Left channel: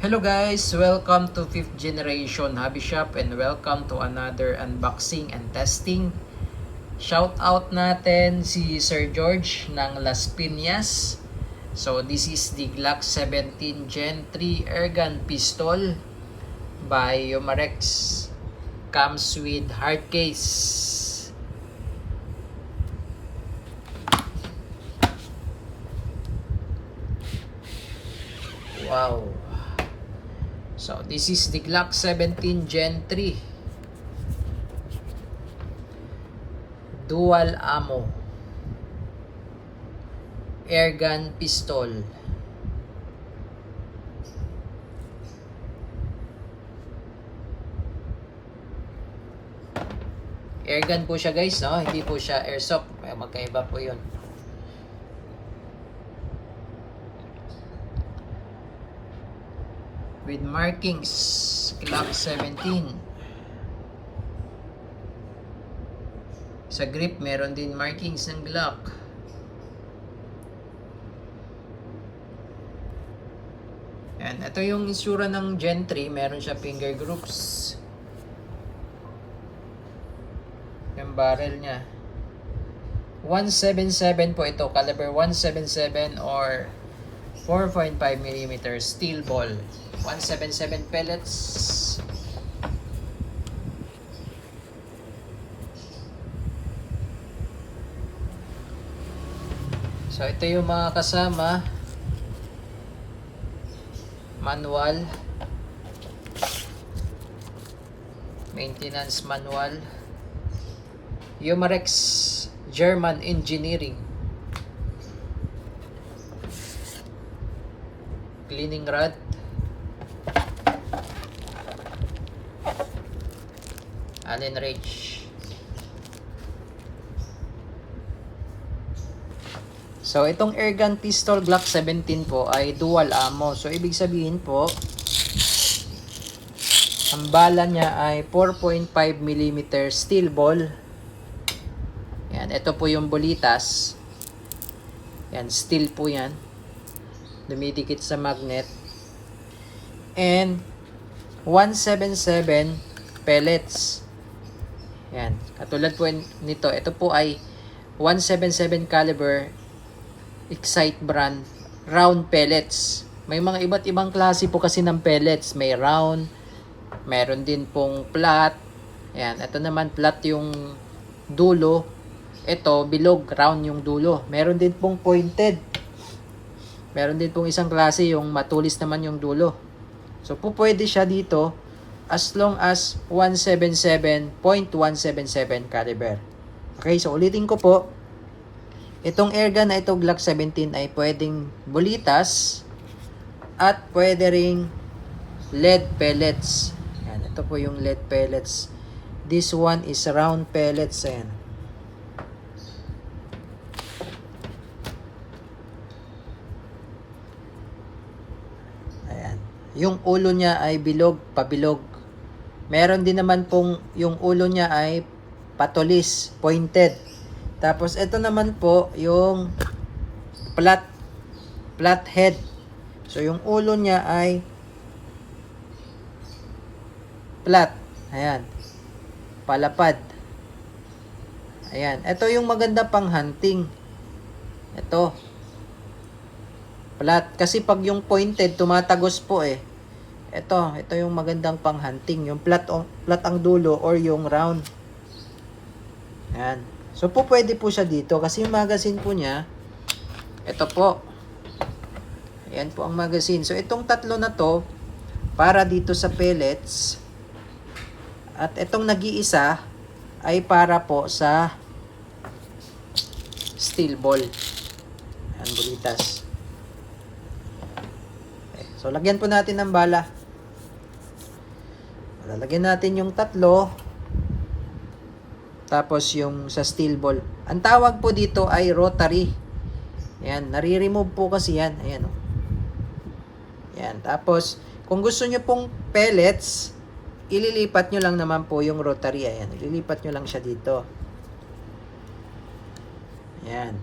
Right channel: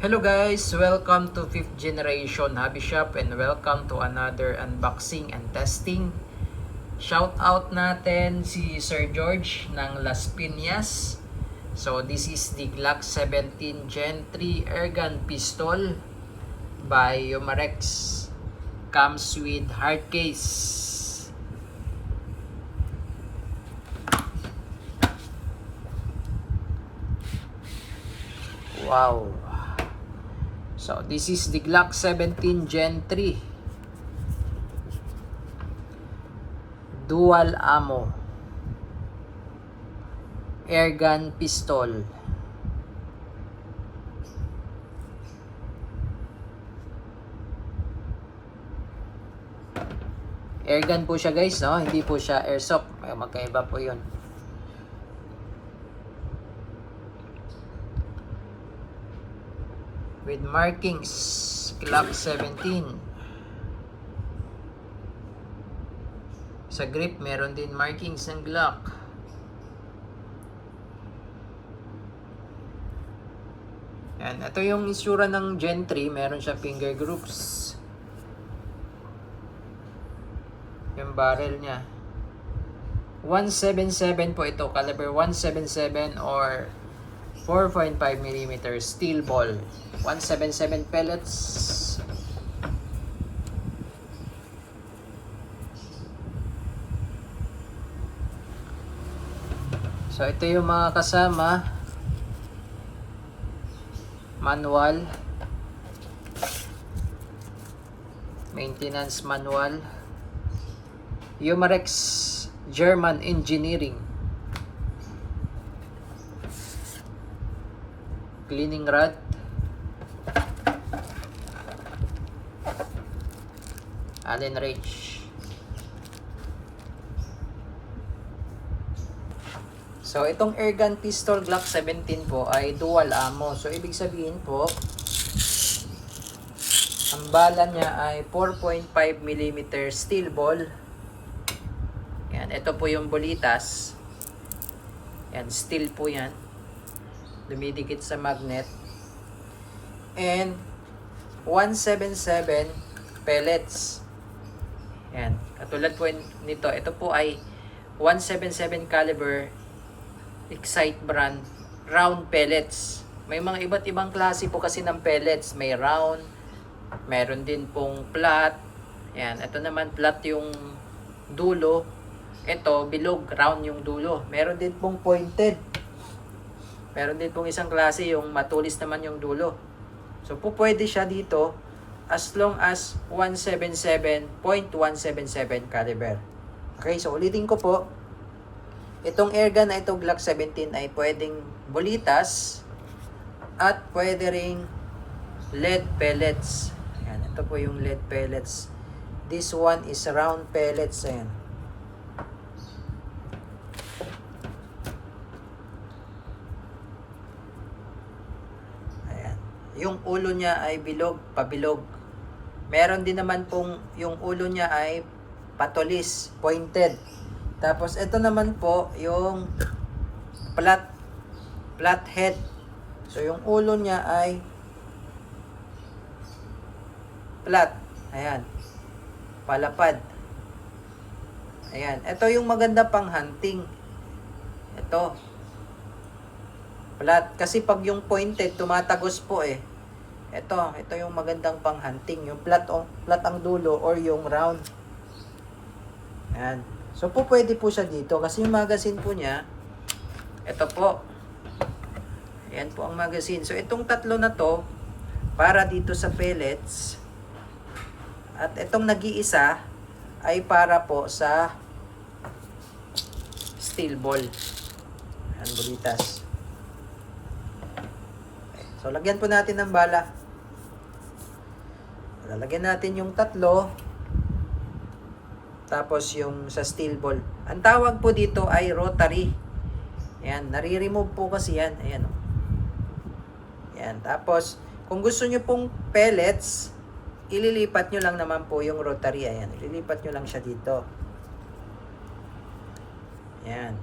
Hello guys! Welcome to 5th Generation Hobby Shop and welcome to another unboxing and testing. Shout out natin si Sir George ng Las Piñas. So this is the Glock 17 Gen 3 airgun pistol by Umarex. Comes with hard case. Wow! So this is the Glock 17 Gen 3 dual ammo airgun pistol. Airgun po siya guys, no? Hindi po siya airsoft. Magkaiba po 'yun. With markings Glock 17. Sa grip meron din markings ng Glock. Yan, ito yung itsura ng Gen 3, meron siya finger groups. Yung barrel niya 177 po ito, caliber 177 or 4.5mm steel ball. 177 pellets. So ito yung mga kasama. Manual. Maintenance manual. Umarex German Engineering. Cleaning rod. Allen wrench. So itong airgun pistol Glock 17 po ay dual ammo. So ibig sabihin po, ang bala niya ay 4.5mm steel ball. Yan, ito po yung bulitas. Yan, steel po yan. Dumidikit sa magnet. And 177 pellets. Yan, katulad po nito, ito po ay 177 caliber Excite brand round pellets. May mga iba't ibang klase po kasi ng pellets. May round, meron din pong flat. Yan, ito naman flat yung dulo. Ito bilog, round yung dulo. Meron din pong pointed. Meron din pong isang klase yung matulis naman yung dulo. So po pwede siya dito as long as 177.177 caliber. Okay, so ulitin ko po. Itong airgun na ito, Glock 17, ay pwedeng bulitas at pwede ring lead pellets. Ayan, ito po yung lead pellets. This one is round pellets. Ayan. Ayan. Yung ulo niya ay bilog, pabilog. Meron din naman pong yung ulo niya ay patulis, pointed. Tapos ito naman po yung flat head. So yung ulo niya ay flat. Ayan. Palapad. Ayan. Ito yung maganda pang hunting. Ito. Flat. Kasi pag yung pointed, tumatagos po eh. Ito yung magandang pang hunting. Yung flat ang dulo or yung round. Ayan. So po pwede po siya dito kasi yung magazine po niya, ito po. Ayan po ang magazine. So itong tatlo na to, para dito sa pellets. At itong nag-iisa ay para po sa steel ball. Ayan, bulitas. So lagyan po natin ng bala. Lalagyan natin yung tatlo. Tapos yung sa steel ball. Ang tawag po dito ay rotary. Ayan, nare-remove po kasi yan. Ayan. Ayan, tapos kung gusto nyo pong pellets, ililipat nyo lang naman po yung rotary. Ayan, ililipat nyo lang siya dito. Ayan.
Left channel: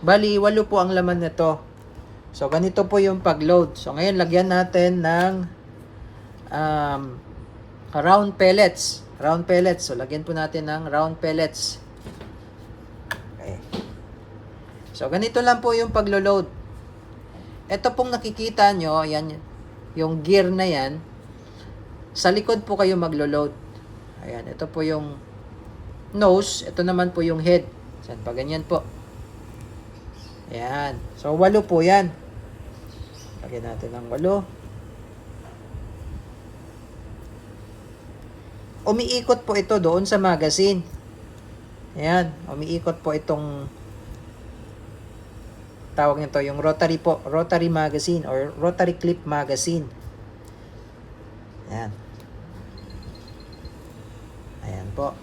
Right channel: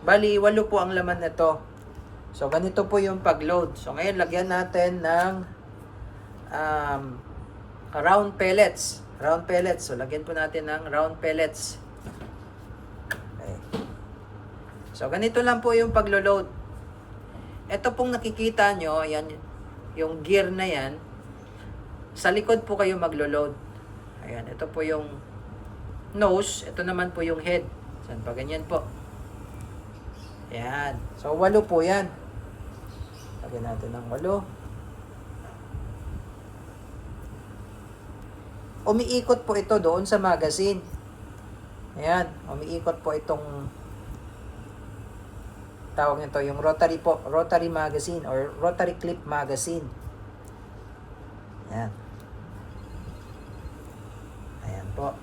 Bali, 8 po ang laman nito. So, ganito po yung pag-load. So, ngayon, lagyan natin ng round pellets. Round pellets. So, lagyan po natin ng round pellets. Okay. So, ganito lang po yung paglo-load. Ito pong nakikita nyo, ayan, yung gear na yan, sa likod po kayo maglo-load. Ayan, ito po yung nose, ito naman po yung head. Ayan, pa ganyan po. Ayan. So, 8 po yan. Lagyan natin ng 8. Umiikot po ito doon sa magazine. Ayan. Umiikot po itong tawag nito, yung rotary po. Rotary magazine or rotary clip magazine. Ayan. Ayan po.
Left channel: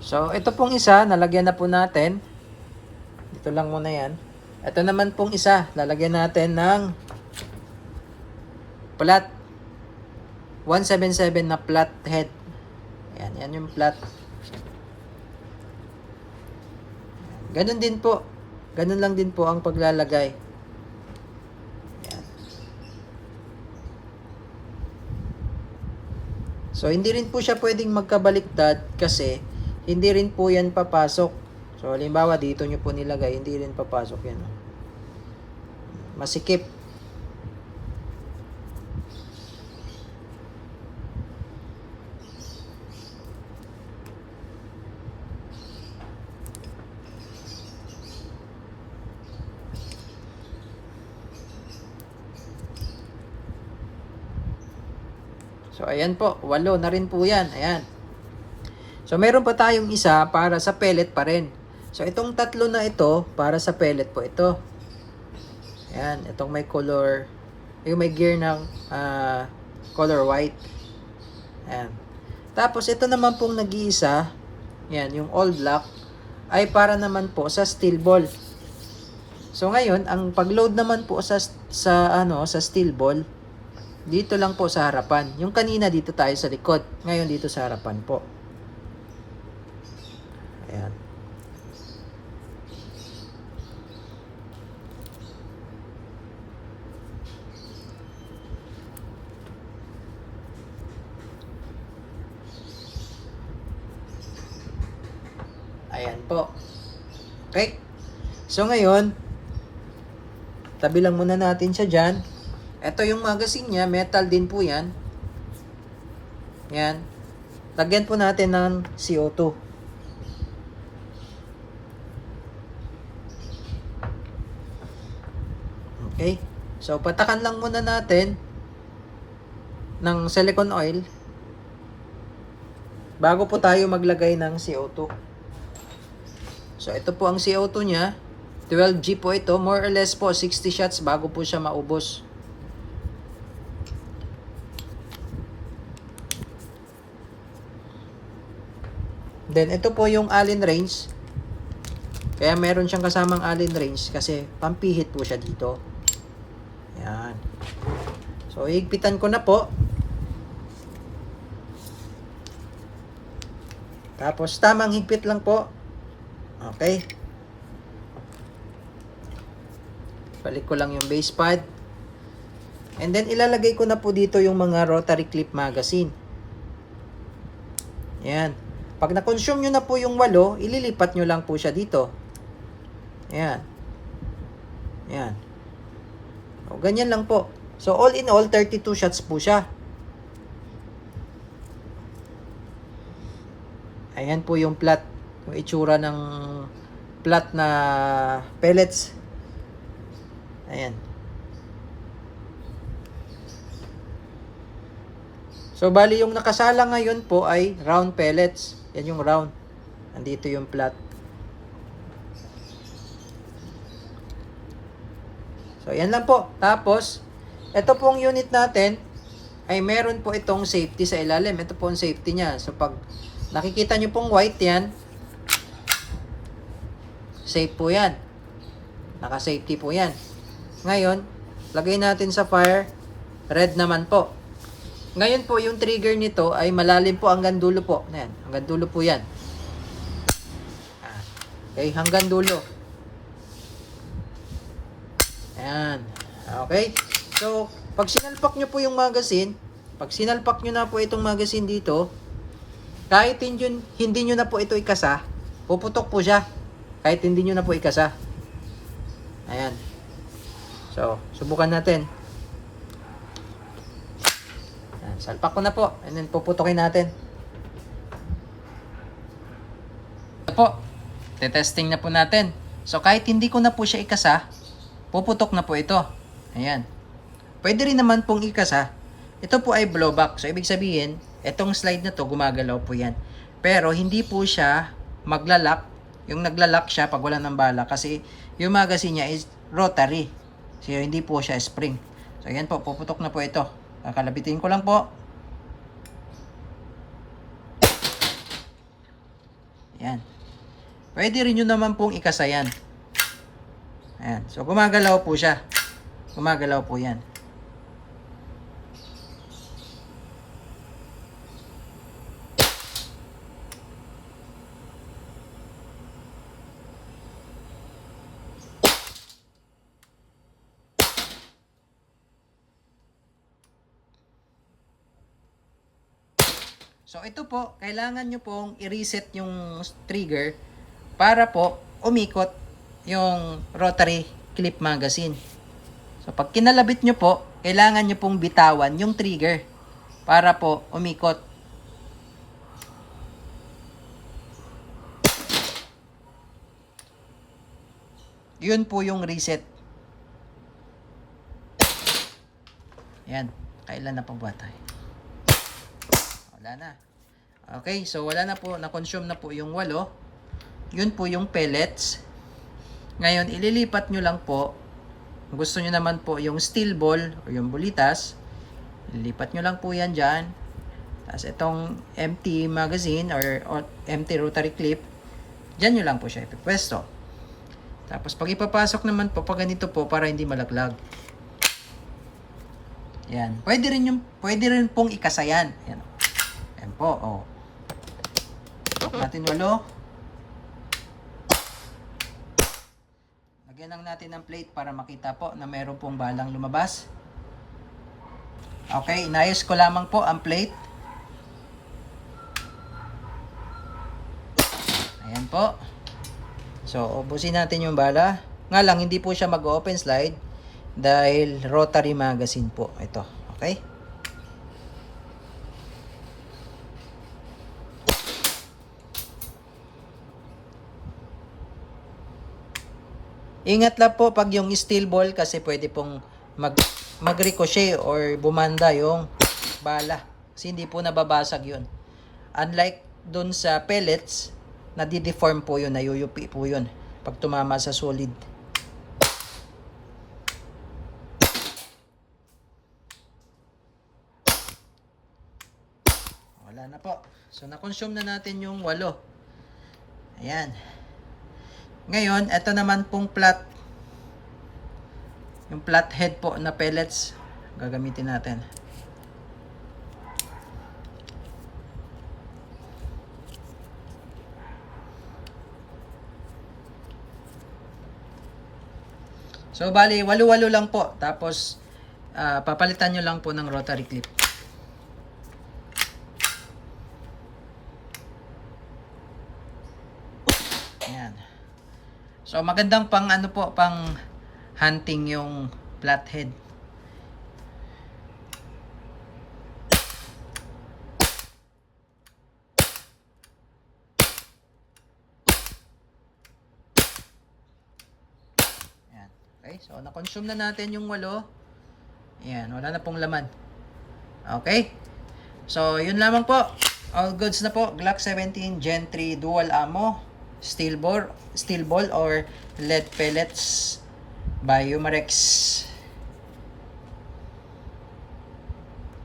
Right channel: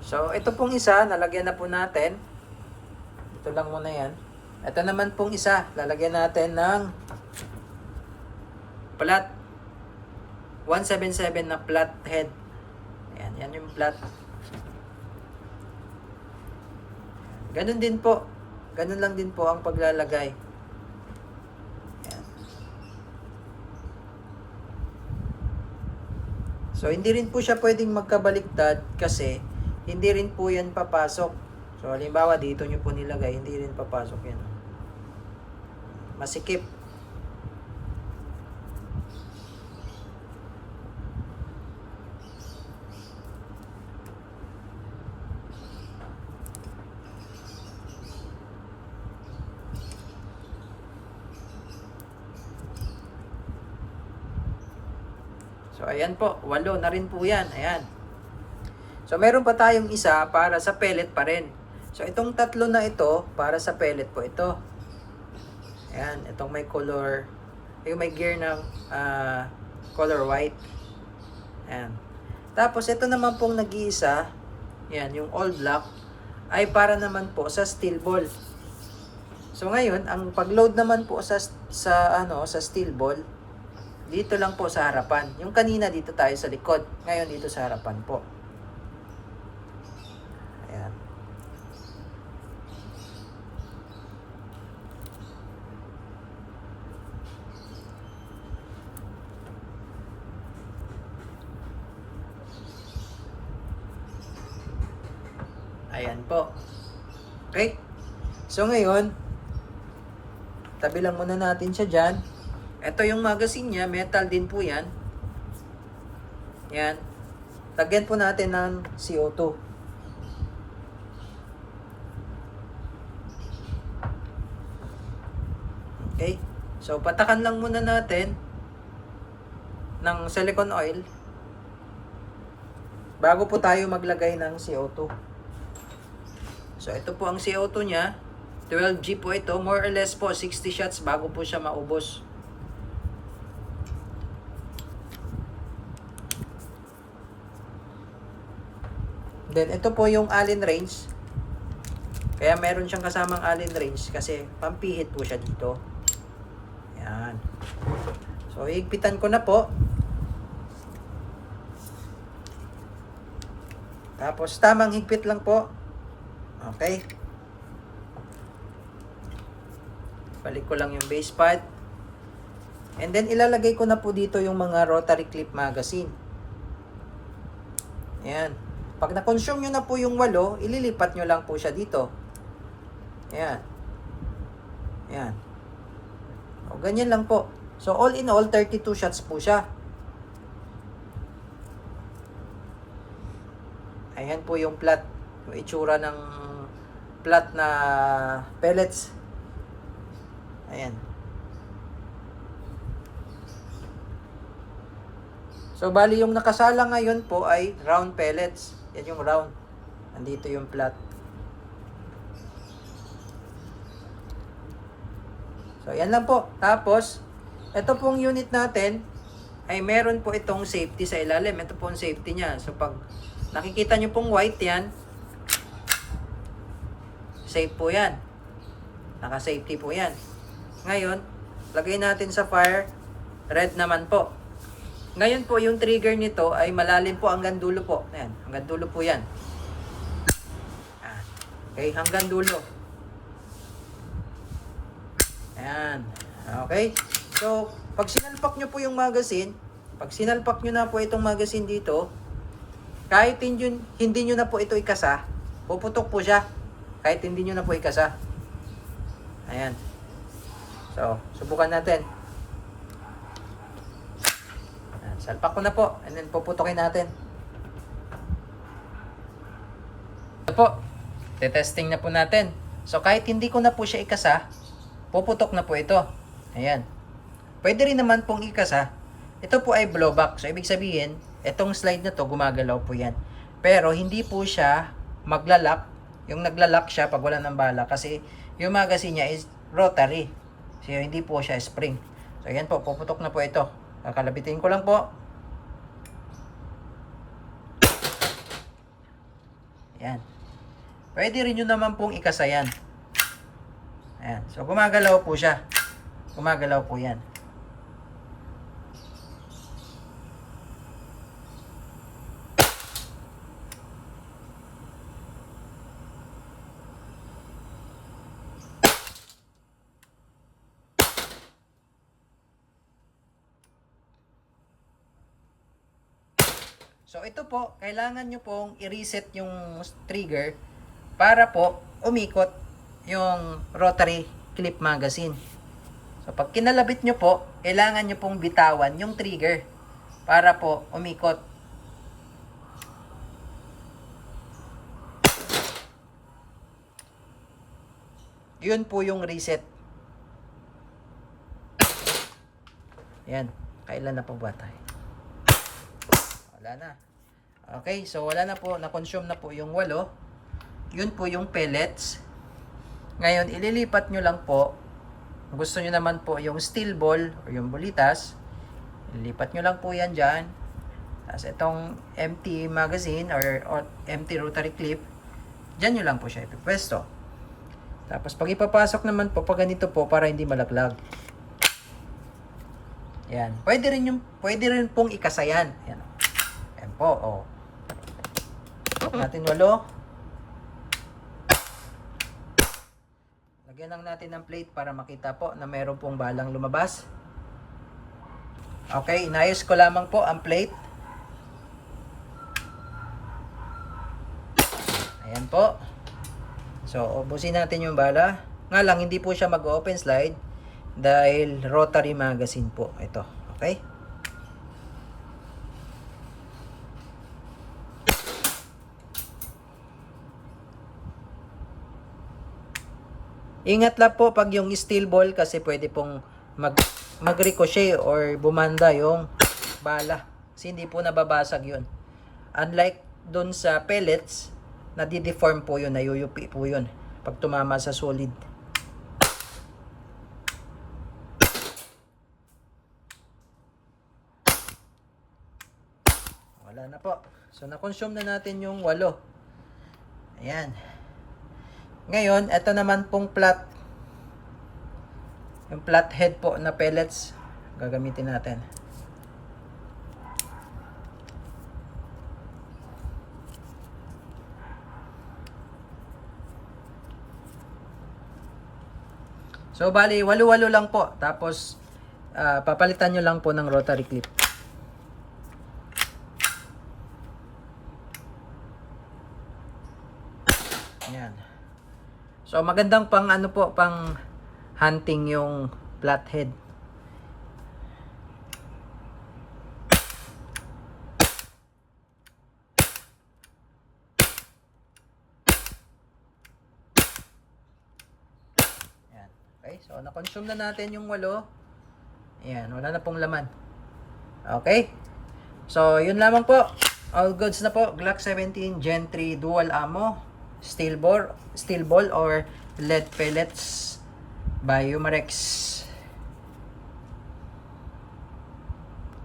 So, ito pong isa, nalagyan na po natin. Ito lang muna yan. Ito naman pong isa, lalagyan natin ng flat. 177 na flat head. Ayan, yan yung flat. Ganun din po. Ganun lang din po ang paglalagay. Ayan. So, hindi rin po siya pwedeng magkabaliktad kasi hindi rin po yan papasok. So, halimbawa, dito nyo po nilagay, hindi rin papasok yan. Masikip. So, ayan po. 8 na rin po yan. Ayan. So, meron pa tayong isa para sa pellet pa rin. So, itong 3 na ito, para sa pellet po ito. Ayan, itong may color, yung may gear ng color white. Ayan. Tapos, ito naman pong nag-iisa, yan, yung all black, ay para naman po sa steel ball. So, ngayon, ang pag-load naman po sa steel ball, dito lang po sa harapan. Yung kanina dito tayo sa likod, ngayon dito sa harapan po. Ayan. Ayan po. Okay? So ngayon, tabi lang muna natin siya dyan. Ito yung magazine niya, metal din po yan. Yan. Lagyan po natin ng CO2. Okay? So, patakan lang muna natin ng silicone oil bago po tayo maglagay ng CO2. So, ito po ang CO2 niya. 12G po ito. More or less po, 60 shots bago po siya maubos. Then, ito po yung Allen wrench. Kaya meron siyang kasamang Allen wrench kasi pampihit po siya dito. Yan. So, higpitan ko na po. Tapos, tamang higpit lang po. Okay. Balik ko lang yung base pad. And then, ilalagay ko na po dito yung mga rotary clip magazine. Yan. Pag na-consume nyo na po yung 8, ililipat nyo lang po siya dito. Ayan. Ayan. O, ganyan lang po. So, all in all, 32 shots po siya. Ayan po yung plat. Yung itsura ng plat na pellets. Ayan. So, bali yung nakasala ngayon po ay round pellets. Yan yung round. Nandito yung plat. So, yan lang po. Tapos, ito pong unit natin ay meron po itong safety sa ilalim. Ito po ang safety niya. So, pag nakikita nyo pong white yan, safe po yan. Naka-safety po yan. Ngayon, lagay natin sa fire. Red naman po. Ngayon po, yung trigger nito ay malalim po hanggang dulo po. Ayan, hanggang dulo po yan. Okay, hanggang dulo. Yan. Okay. So, pag sinalpak nyo po yung magazine, pag sinalpak nyo na po itong magazine dito, kahit hindi nyo na po ito ikasa, puputok po siya. Kahit hindi nyo na po ikasa. Ayan. So, subukan natin. Ayan, salpak ko na po. And then, puputokin natin. Ito po. Tetesting na po natin. So, kahit hindi ko na po siya ikasa, puputok na po ito. Ayan. Pwede rin naman pong ikasa. Ito po ay blowback. So, ibig sabihin, itong slide na to, gumagalaw po yan. Pero, hindi po siya maglalak. Yung naglalak siya pag wala ng bala. Kasi, yung magazine niya is rotary. So, hindi po siya spring. So, ayan po. Puputok na po ito. Kakalabitin ko lang po. Ayan. Pwede rin yun naman pong ikasa yan. Ayan. So, gumagalaw po siya. Gumagalaw po yan. So, ito po, kailangan nyo pong i-reset yung trigger para po umikot yung rotary clip magazine. So, pag kinalabit nyo po, kailangan nyo pong bitawan yung trigger para po umikot. Yun po yung reset. Yan. Kailan na po ba tayo? Wala na. Okay, so wala na po. Na-consume na po yung 8. Yun po yung pellets. Ngayon, ililipat nyo lang po. Kung gusto nyo naman po yung steel ball o yung bulitas, ililipat nyo lang po yan dyan. Tapos itong empty magazine or empty rotary clip, dyan nyo lang po siya ipipwesto. Tapos pag ipapasok naman po, pag ganito po, para hindi malaglag. Yan. Pwede rin pong ikasayan. Yan. Yan po, oh. Tok natin 8. Lagyan lang natin ng plate para makita po na meron pong balang lumabas. Okay, inayos ko lamang po ang plate. Ayan po. So, ubusin natin yung bala. Nga lang, hindi po siya mag-open slide dahil rotary magazine po ito. Okay? Ingat lang po pag yung steel ball kasi pwede pong mag-ricochet or bumanda yung bala. Kasi hindi po nababasag yun. Unlike dun sa pellets, nadideform po yun, nayuyupi po yun pag tumama sa solid. Wala na po. So, na-consume na natin yung 8. Ayan. Ngayon, ito naman pong flat. Yung flat head po na pellets. Gagamitin natin. So, bali, 8-8 lang po. Tapos, papalitan nyo lang po ng rotary clip. Ayan. So, magandang pang ano po, pang hunting yung flathead. Ayan. Okay, so na-consume na natin yung 8. Ayan, wala na pong laman. Okay. So, yun lamang po. All goods na po. Glock 17 Gen 3 dual ammo. Steel ball or lead pellets by Umarex.